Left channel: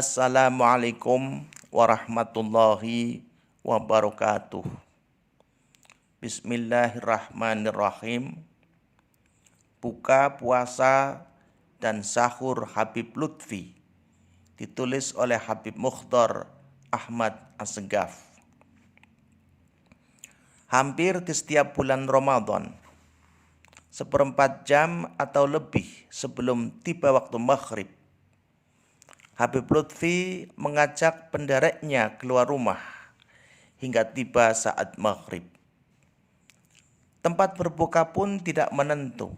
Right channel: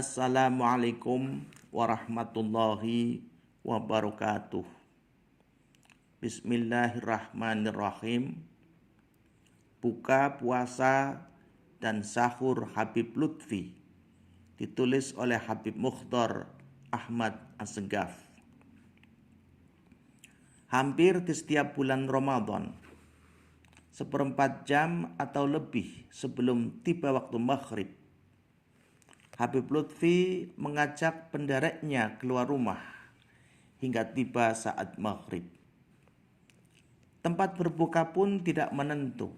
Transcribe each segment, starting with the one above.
Assalamualaikum warahmatullahi wabarakatuh. Bismillahirrahmanirrahim. Buka puasa dan sahur Habib Lutfi, ditulis oleh Habib Mukhtar Ahmad Assegaf. Hampir di setiap bulan Ramadan, 1/4 jam atau lebih sebelum tiba waktu maghrib, Habib Lutfi mengajak pendereknya keluar rumah hingga tiba saat maghrib. Tempat berbuka pun tidak menentu.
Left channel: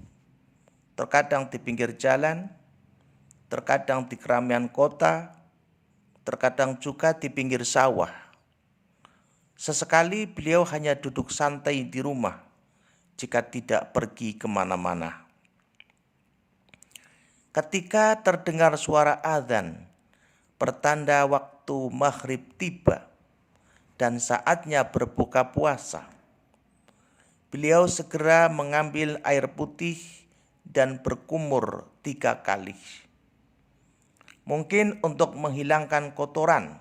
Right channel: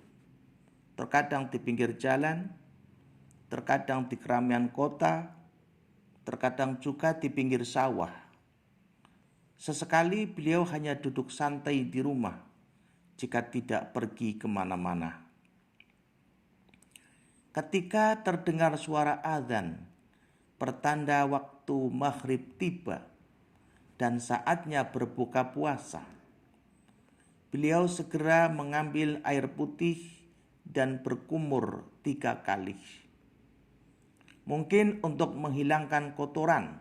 Terkadang di pinggir jalan, terkadang di keramaian kota, terkadang juga di pinggir sawah. Sesekali beliau hanya duduk santai di rumah jika tidak pergi kemana-mana. Ketika terdengar suara azan, pertanda waktu maghrib tiba dan saatnya berbuka puasa, beliau segera mengambil air putih dan berkumur 3 kali. Mungkin untuk menghilangkan kotoran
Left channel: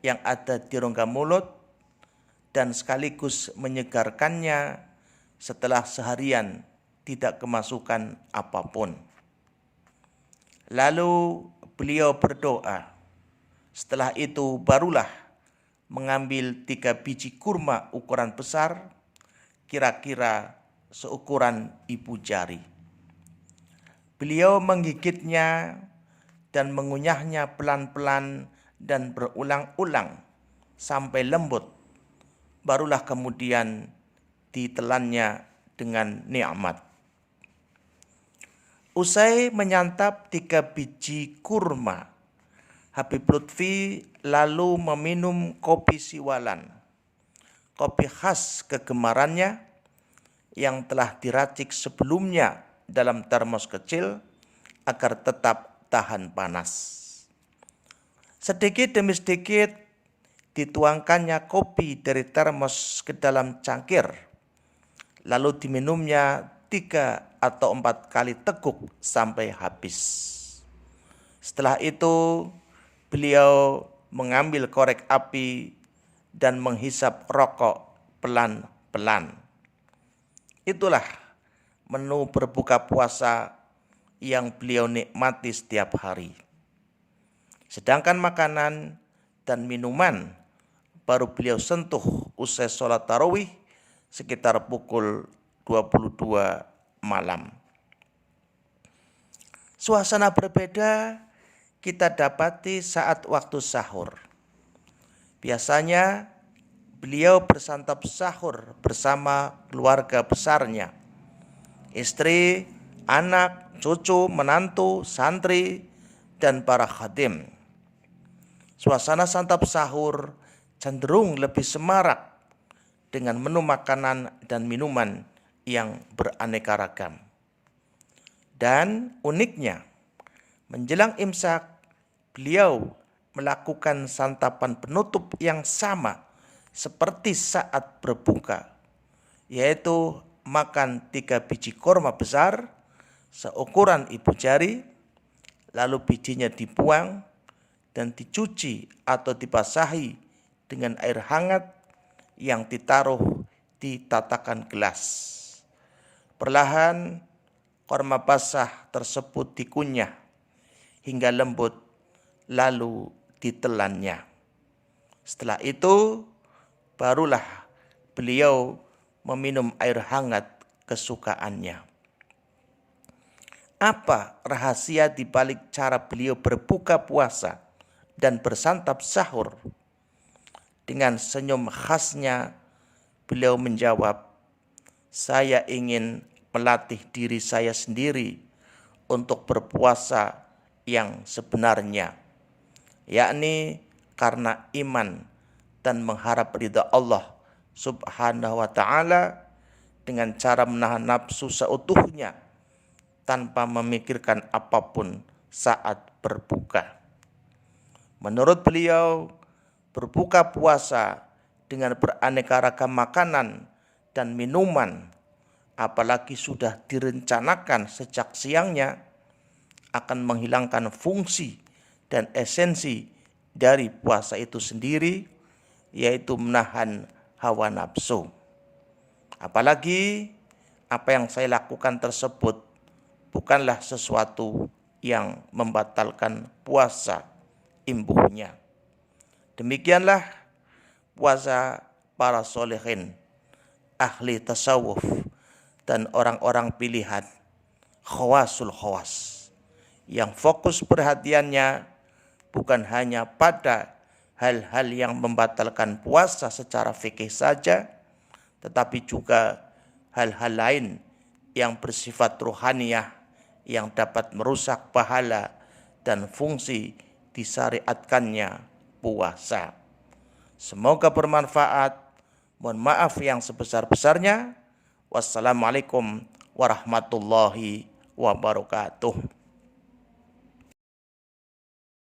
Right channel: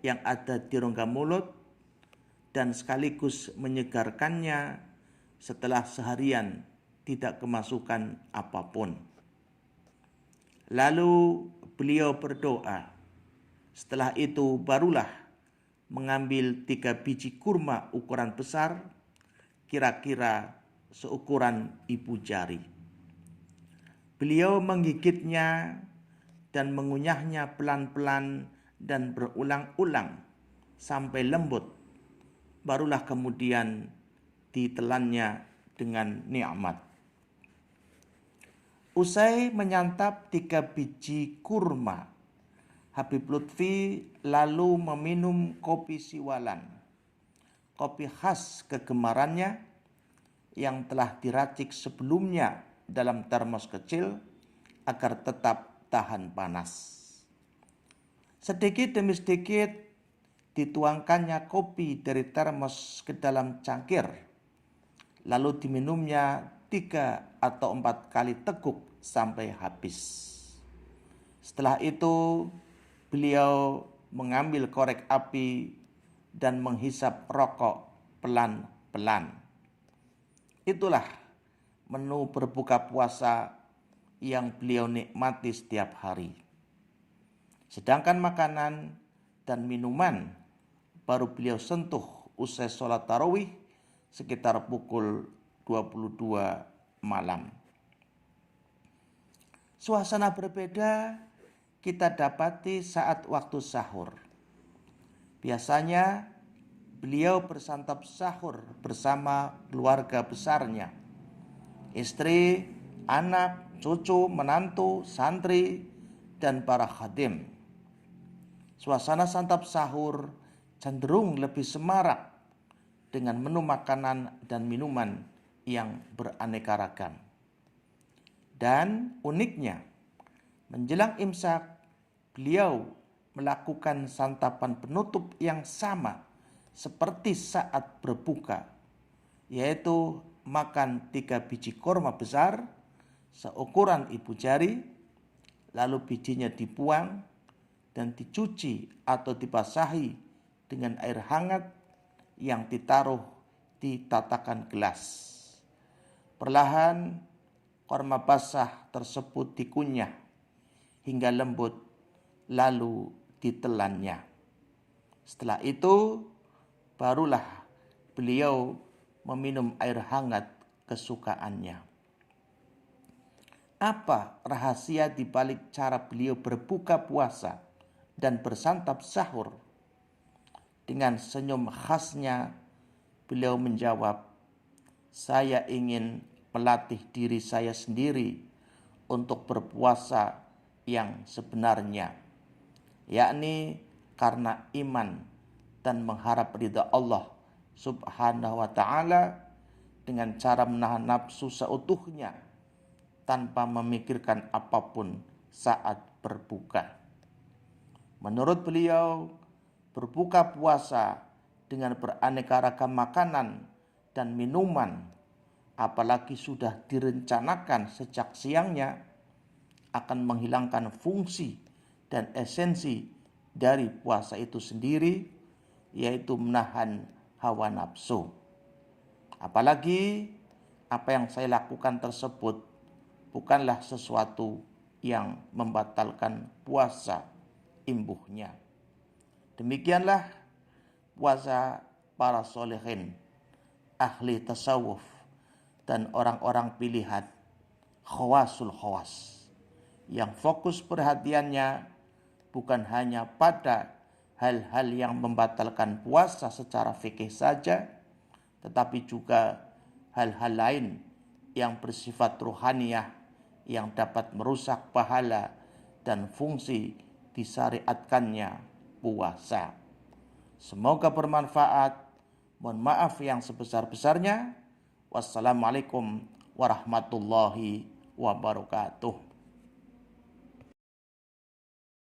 yang ada di rongga mulut dan sekaligus menyegarkannya setelah seharian tidak kemasukan apapun. Lalu beliau berdoa. Setelah itu barulah mengambil 3 biji kurma ukuran besar, kira-kira seukuran ibu jari. Beliau menggigitnya dan mengunyahnya pelan-pelan dan berulang-ulang sampai lembut. Barulah kemudian ditelannya dengan nikmat. Usai menyantap 3 biji kurma, Habib Lutfi lalu meminum kopi siwalan, kopi khas kegemarannya yang telah diracik sebelumnya dalam termos kecil agar tetap tahan panas. Sedikit demi sedikit dituangkannya kopi dari termos ke dalam cangkir, lalu diminumnya 3 atau 4 kali teguk sampai habis. Setelah itu beliau mengambil korek api dan menghisap rokok pelan-pelan. Itulah menu berbuka puasa yang beliau nikmati setiap hari. Sedangkan makanan dan minuman baru beliau sentuh usai sholat tarawih sekitar pukul 22 malam. Suasana berbeda kita dapati saat waktu sahur. Biasanya beliau bersantap sahur bersama keluarga besarnya, istri, anak, cucu, menantu, santri, dan para khadim. Suasana santap sahur cenderung lebih semarak dengan menu makanan dan minuman yang beraneka ragam. Dan uniknya, menjelang imsak, beliau melakukan santapan penutup yang sama seperti saat berbuka, yaitu makan 3 biji kurma besar seukuran ibu jari, lalu bijinya dibuang dan dicuci atau dibasahi dengan air hangat yang ditaruh di tatakan gelas. Perlahan kurma basah tersebut dikunyah hingga lembut, lalu ditelannya. Setelah itu barulah beliau meminum air hangat kesukaannya. Apa rahasia di balik cara beliau berbuka puasa dan bersantap sahur? Dengan senyum khasnya beliau menjawab, "Saya ingin melatih diri saya sendiri untuk berpuasa yang sebenarnya, yakni karena iman dan mengharap ridha Allah Subhanahu wa ta'ala dengan cara menahan nafsu seutuhnya tanpa memikirkan apapun saat berbuka." Menurut beliau, berbuka puasa dengan beraneka ragam makanan dan minuman, apalagi sudah direncanakan sejak siangnya, akan menghilangkan fungsi dan esensi dari puasa itu sendiri, yaitu menahan hawa nafsu. Apalagi apa yang saya lakukan tersebut bukanlah sesuatu yang membatalkan puasa imbuhnya. Demikianlah puasa para solehin, ahli tasawuf, dan orang-orang pilihan, khawasul khawas, yang fokus perhatiannya bukan hanya pada hal-hal yang membatalkan puasa secara fikih saja, tetapi juga hal-hal lain yang bersifat ruhaniyah yang dapat merusak pahala dan fungsi disyariatkannya puasa. Semoga bermanfaat. Mohon maaf yang sebesar-besarnya. Wassalamualaikum warahmatullahi wabarakatuh.